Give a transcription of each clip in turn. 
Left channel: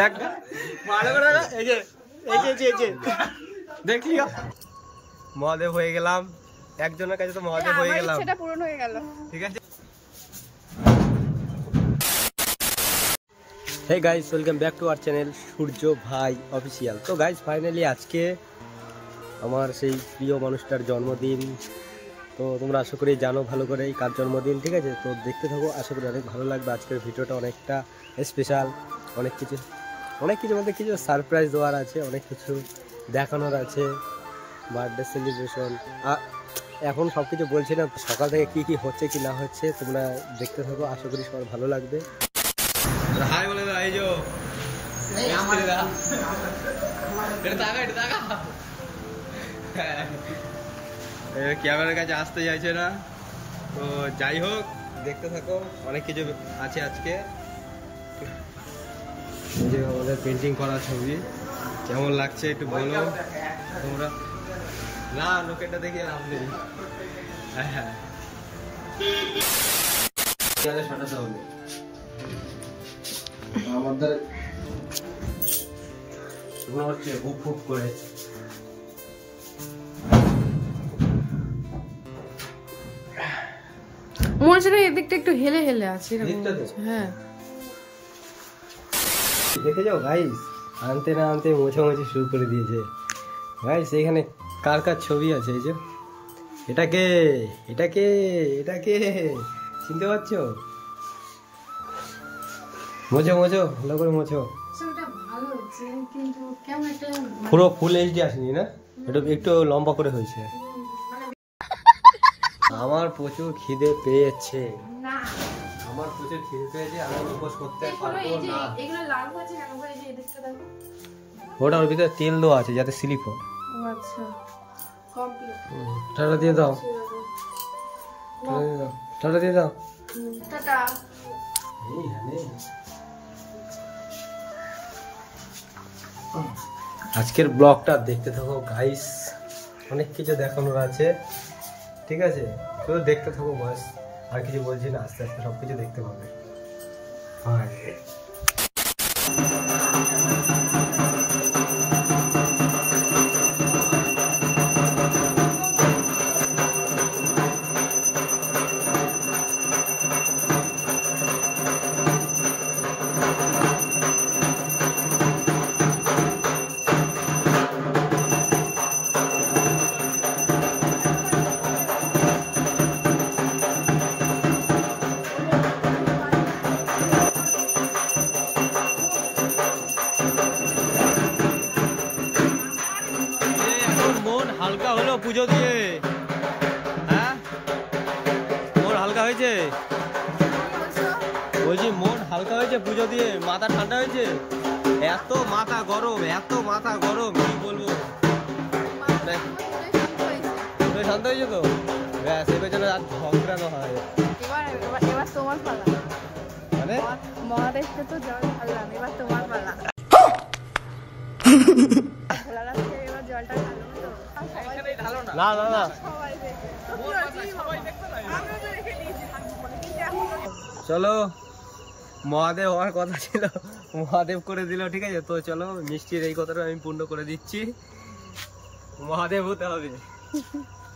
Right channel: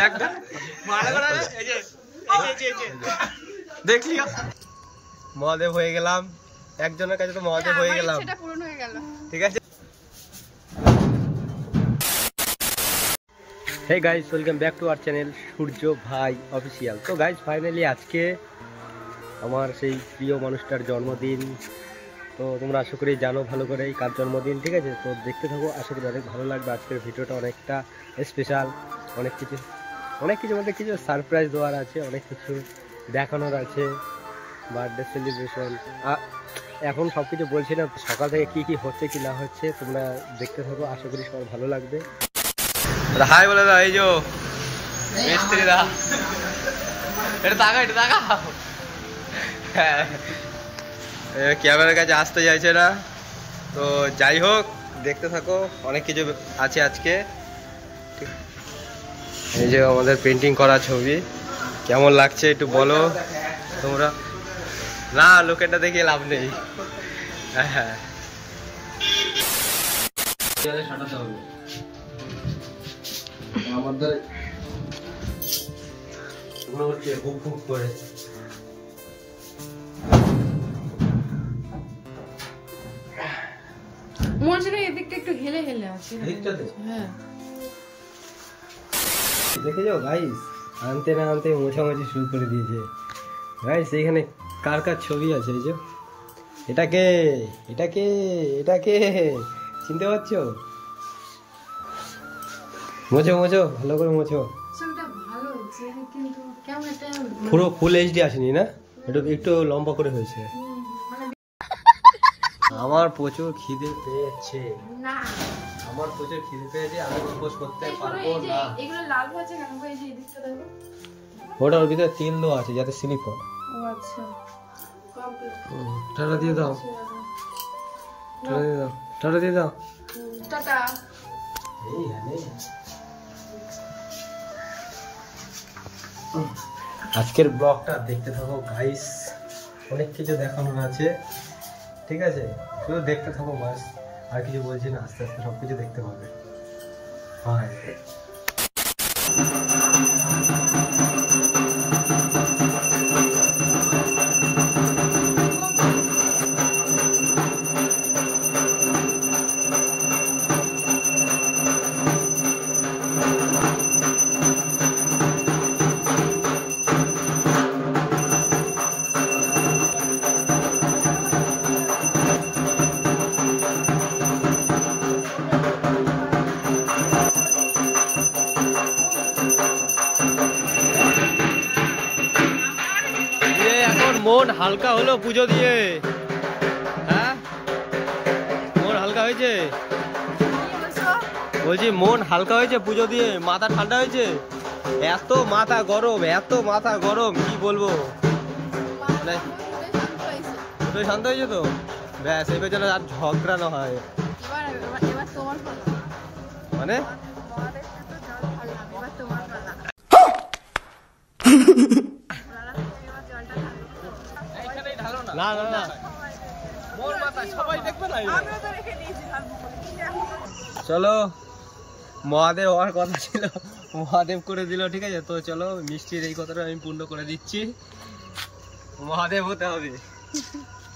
দেখ দেখলি মহাদেব হয়ে গেলাম, একজনের কাছে তো মহাদেব হয়ে গেলাম, সেটা পূরণ হয়ে গেল। ঠিক আছে। Hey guys, welcome back to our channel Surya Bhai official. তো গাইস ফাইনালি আজকে আমার সেই প্রিয় মানুষটার জন্মদিন। তো তোমরা আশা করি জানো ভালো করে কার জন্মদিন, ঠিক আছে। তো দেখতে থাকো, আশা করি অনেক ভালো লাগবে। আজকের ভিডিওটা অনেকটা স্পেশাল, অনেক কিছু বলতে কিছু সারপ্রাইজ দেওয়ার আছে, অনেক কিছু দেখানোর আছে, বার্থডে সেলিব্রেশন। এখন সব কিছু বলছি না, সকাল থেকে কী হচ্ছে কি না হচ্ছে তোমরা দেখতে থাকো, আশা করি সবার ভালো লাগবে। হাই বলে দাও, এই যে মিস্ত্রি দা, এটা টাকা হ্যাঁ, ক্যামেরার কাছে আসতে চাইছে না। তো যাই হোক, দেখতে থাকো, অনেক কিছু আছে আজকে। এই যে আমাদের পেন্টিং করা ছবি, কেমন লাগছে একটু বলো তোমরা। না, লোকেরটা দেখে লাভ নেই। হ্যাঁ আমাদের করে মনে হচ্ছে এদিকটা একটু হেলে হেলে আছে। হ্যাঁ দেখে যাও গাইস, আনতে না আনতে মোছামুছি শুরু করে দিয়েছে গাইস। এইখানে কার কার ছবি আছে, এই যে এটাকে চিনতে পারছো? মোছো ভালো করে মোছো। পুরো ফুল এইচডি আসেনি না, একটু লম্বা করে হয়েছে। আমার প্রচুর খিদে পেয়েছে, আমি উপোস করতে পারবো না। ওটা ওর ভিতরে তেল দেওয়া আছে যাতে স্লিপ হয়। টাটা দিয়ে দাও, টাটা দিয়ে দাও। আজকের ব্লগটা দেখতে থাকো গাইস, অনেক কিছু দেখানোর আছে, ঠিক আছে। শুধু দেখতে থাকো বাস, আর কিছু বলছি না, আস্তে আস্তে সবকিছু দেখতে পাবে। মন হালকা হলো পুজো দিয়ে, হ্যাঁ মন হালকা হয়েছে, বলছি মন হালকা হয়েছে পুজো দিয়ে, মাথা ঠান্ডা হয়েছে। এত মাথা গরম কি বলবো, ওটাই শান্ত হয়েছে তো ব্যাস, এই পেছনে আর ঝগড়ানো হয়। এবার তোমার পালা, মানে মহাদেবকে তো জল ঢাললাম, এবার তোমার পালা। জলটা ঢালো তো, এখানেই ঢালো না। না চলো, মহাদেব হওয়ার কথা ছিল, মহাদেব করে দিল, ঠিক আছে। তো চলো, মিষ্টির এই কথাটা আমি পূর্ণ করে দিচ্ছি, মহাদেব হতে হবে।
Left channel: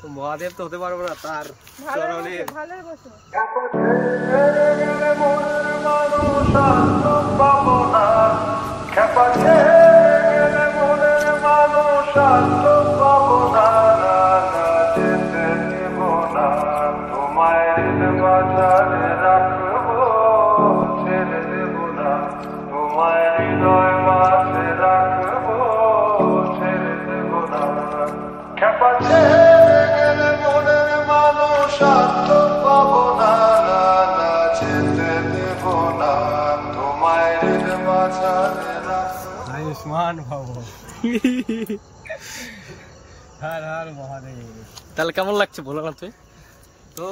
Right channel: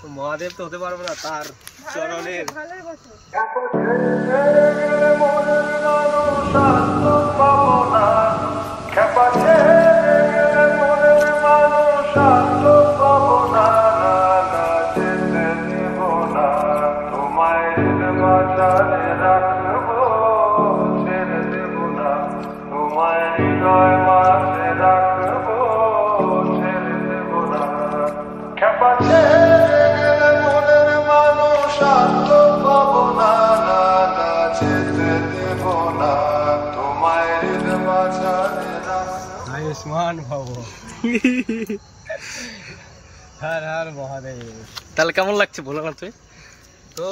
তো মহাদেব তো হতে পারবো না, তার চরণের রাখবো, ছেড়ে দেব না তোমায়, হৃদয় মাঝে রাখবো, ছেড়ে দেব না। খেপা ছেড়ে গেলে মনের মানুষ আর তো পাবো না, যেতে দেব না তোমায়, হৃদয় মাঝে রাখবো। আয়ুষ্মান ভব, হর হর মহাদেব। তাহলে কেমন লাগছে বলো না তুই? তো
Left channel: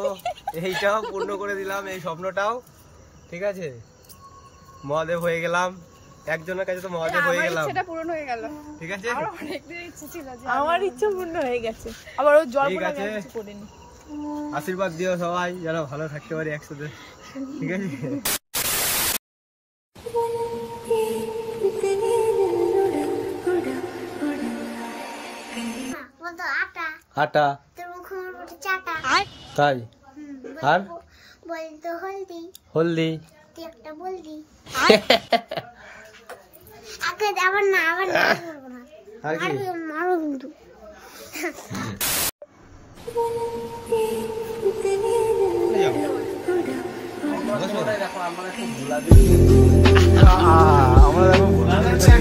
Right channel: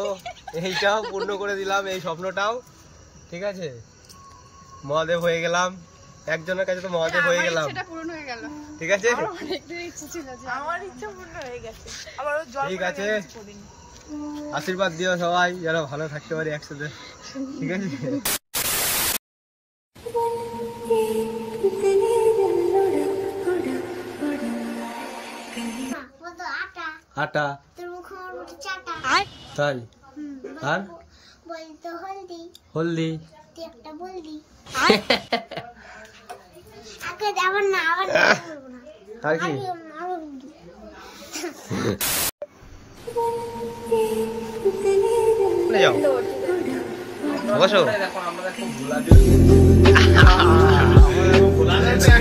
এইটাও পূর্ণ করে দিলাম, এই স্বপ্নটাও, ঠিক আছে। মহাদেব হয়ে গেলাম, একজনের কাছে তো মহাদেব হয়ে গেলাম, সেটা পূরণ হয়ে গেল, ঠিক আছে। আমার অনেক দিন ইচ্ছে ছিল, আমার ইচ্ছে পূর্ণ হয়ে গেছে। আমার ওই জল, ঠিক আছে, আশীর্বাদ দিও সবাই যেন ভালো থাকতে পারি একসাথে, ঠিক আছে। হাঁটা। তোর মুখ আমার বটে চাটা। তাই? আর বলতো হলদি। হলদি। তুই একটা বলদি। আবার না বলবো না। আর কি? মারো কিন্তু। বসো। আচ্ছা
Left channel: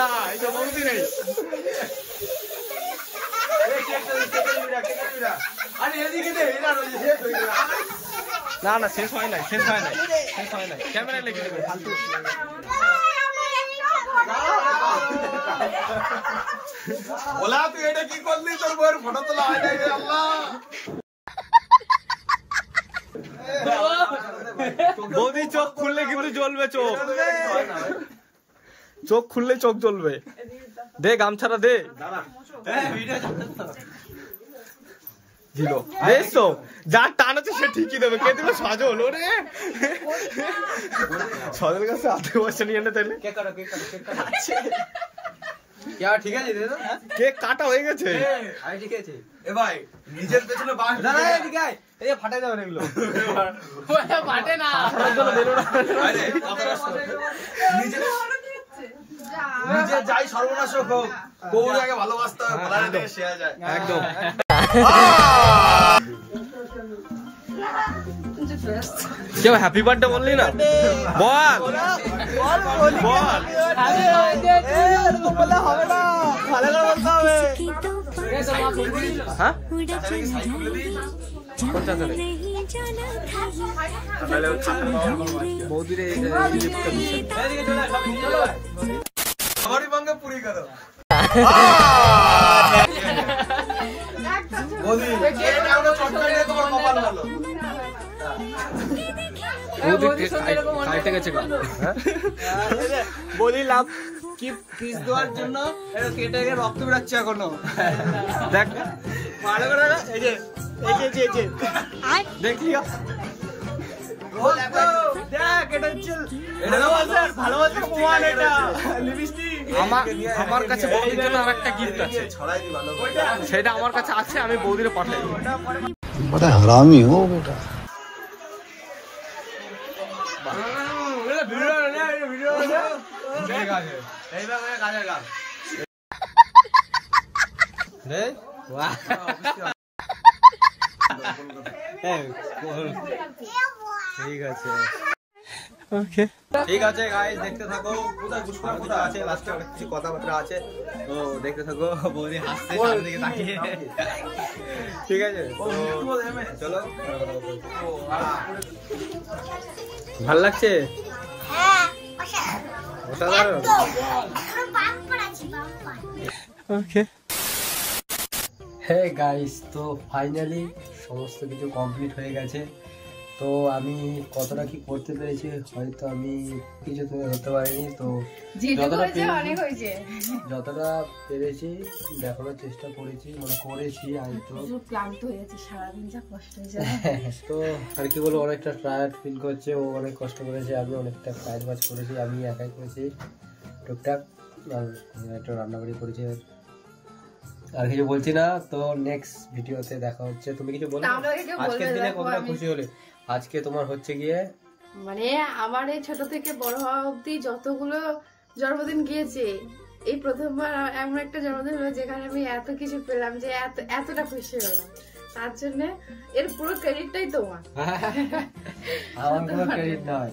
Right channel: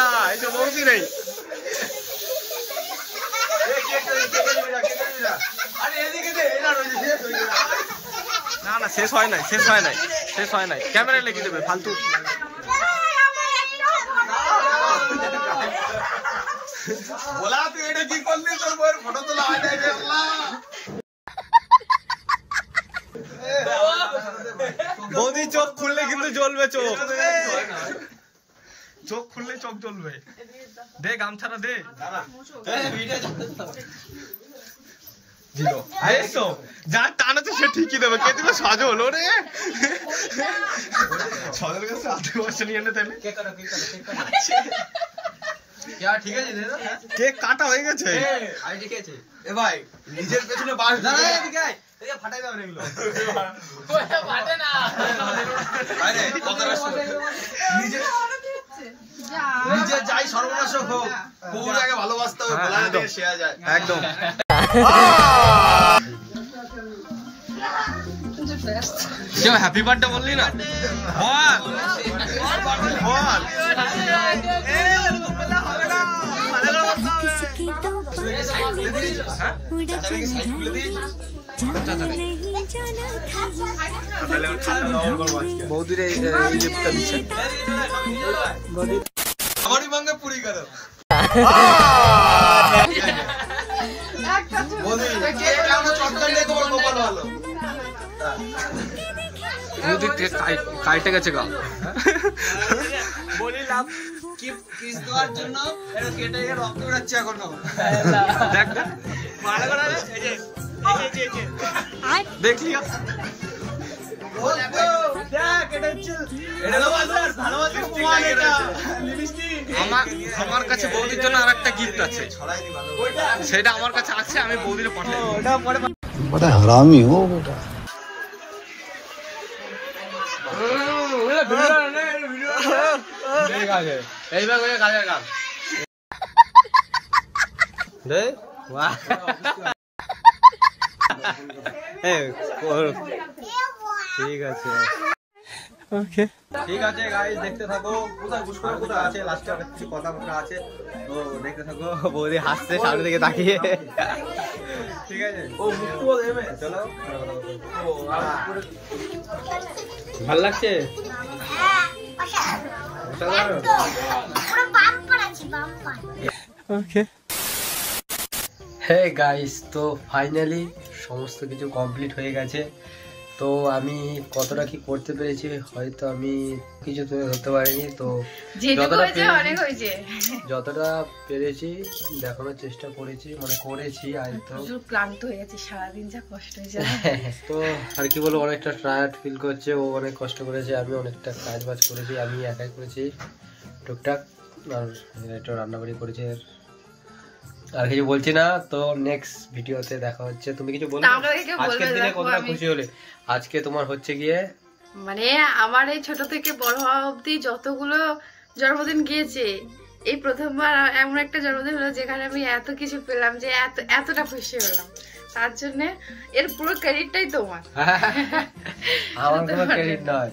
না এই তো বৌদি নেই। না না শেষ হয় নাই ক্যামেরায় লিখে দেবে ফালতু। বৌদি চোখ খুললে কিন্তু জ্বলবে, চোখ খুললে চোখ জ্বলবে। দে গামছাটা দে। যা টান আছে সে ঠিকই দেবে। কে দিবে? সজল। ওরে সজল কাছে 8 বছর নিয়ে এনে তাইলে কেক কাটা হয়ে গেছে। ভাই নিজের পেছনে বাস ফাটাই দেবেন এগুলো। নিজে যাই সর্বনাশ হোক, বউটাকে ভালোবাসতে হবে, একদম। কেউ হ্যাপি বার্থডে বললি না? বল বল। হবে না, বৌদির এই গিফটটা দিচ্ছে। আমারই ভাঙ্গে পুরি করো। বৌদি তোমার কপাল ভালো। কাইটে গেছে গা। বলিলাম কি পিস দেওয়ার জন্য কেটে রক্ত বেরোচ্ছে এখনো। দেখ ভালো করে দেখলি আমার কাছে বৌদির জন্য আর একটা গিফট আছে, সেটা আমার কাছে আছে, আমি বৌদির পাঠাই। बड़ा हरामी हो बेटा। ঠিক আছে ওকে, ঠিক আছে গাইস দেখতে থাকো। আছে লাস্টে অনেক কিছু কথাবার্তা আছে, তো দেখতে থাকো। বৌদি হাসছে সামনে দিকে তাকিয়ে। ঠিক আছে চলো। ভাল লাগছে? ওকে হে গাইস, তো ফাইনালি সমস্ত কিছু কমপ্লিট হয়ে গেছে। তো আমি কতটা কি করতে পেরেছি হয়তো আমি কিছু তুলে ধরতে পারিনি, তো যতটা পেরেছি দেখানোর চেষ্টা করেছি, মানে করেছি। আর তো ক্লান্ত হয়ে গেছি, সারাদিন যা কষ্ট হয়েছে। তো আর কি বলবো, অনেকটা টায়ার্ড ফিল করছে। ও অনেক কষ্ট করেছে, আমি অনেকটা কাজ বাজ করেছি, আমি একাই করেছি টুকটাক। আর একটু রান্নাবাড়ি করেছি। আর কিছু বলছি না, তো নেক্সট ভিডিওতে দেখা হচ্ছে। তুমি কিছু বলো আজকের দিনে কতটা খুশি হলে? আজকে তোমার হচ্ছে গিয়ে মানে আমার এই ছোট থেকে বড় হওয়া অবধি যতগুলো জন্মদিন গিয়েছে, এই প্রথমবার এমন একটা জন্মদিন হলো যেখানে আমি এত কিছু পেলাম, যে এতটা খুশি হলাম। তার জন্য এর পুরো ক্রেডিটটাই তোমার। আমার কোনো ক্রেডিট নয়,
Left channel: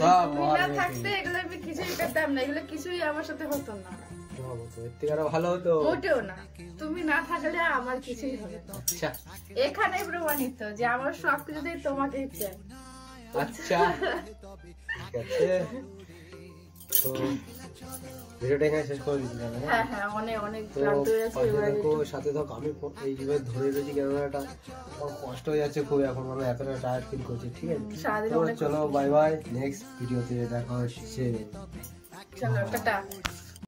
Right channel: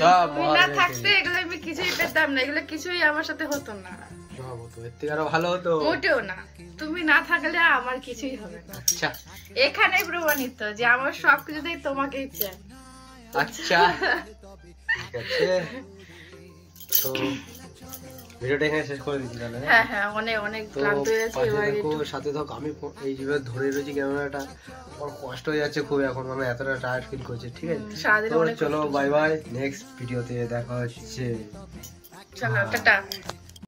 সব না থাকতে এগুলো আমি কিছুই পেতাম না, এগুলো কিছুই আমার সাথে হতো না। ভালো হতো মোটেও না, তুমি না থাকলে আমার কিছুই হবে না। আচ্ছা এখানে প্রমাণিত যে আমার সবকিছুতেই তোমাকেই চাই। আচ্ছা ঠিক আছে, তো ভিডিওটা এখানে শেষ করে দিচ্ছি তাহলে। হ্যাঁ হ্যাঁ, অনেক অনেক তো ক্লান্ত হয়ে যাচ্ছে পাশে এবার দেখো, একটু। সাথে থাকো। আমি এই যেভাবে ধরে রয়েছি ক্যামেরাটা, আমার কষ্ট হয়ে যাচ্ছে খুব এখন, মানে এতটা টায়ার্ড ফিল করছে। ঠিক আছে, সারাদিন তো অনেক চলো কষ্ট। বাই বাই, নেক্সট ভিডিওতে দেখা হচ্ছে। চলো টাটা।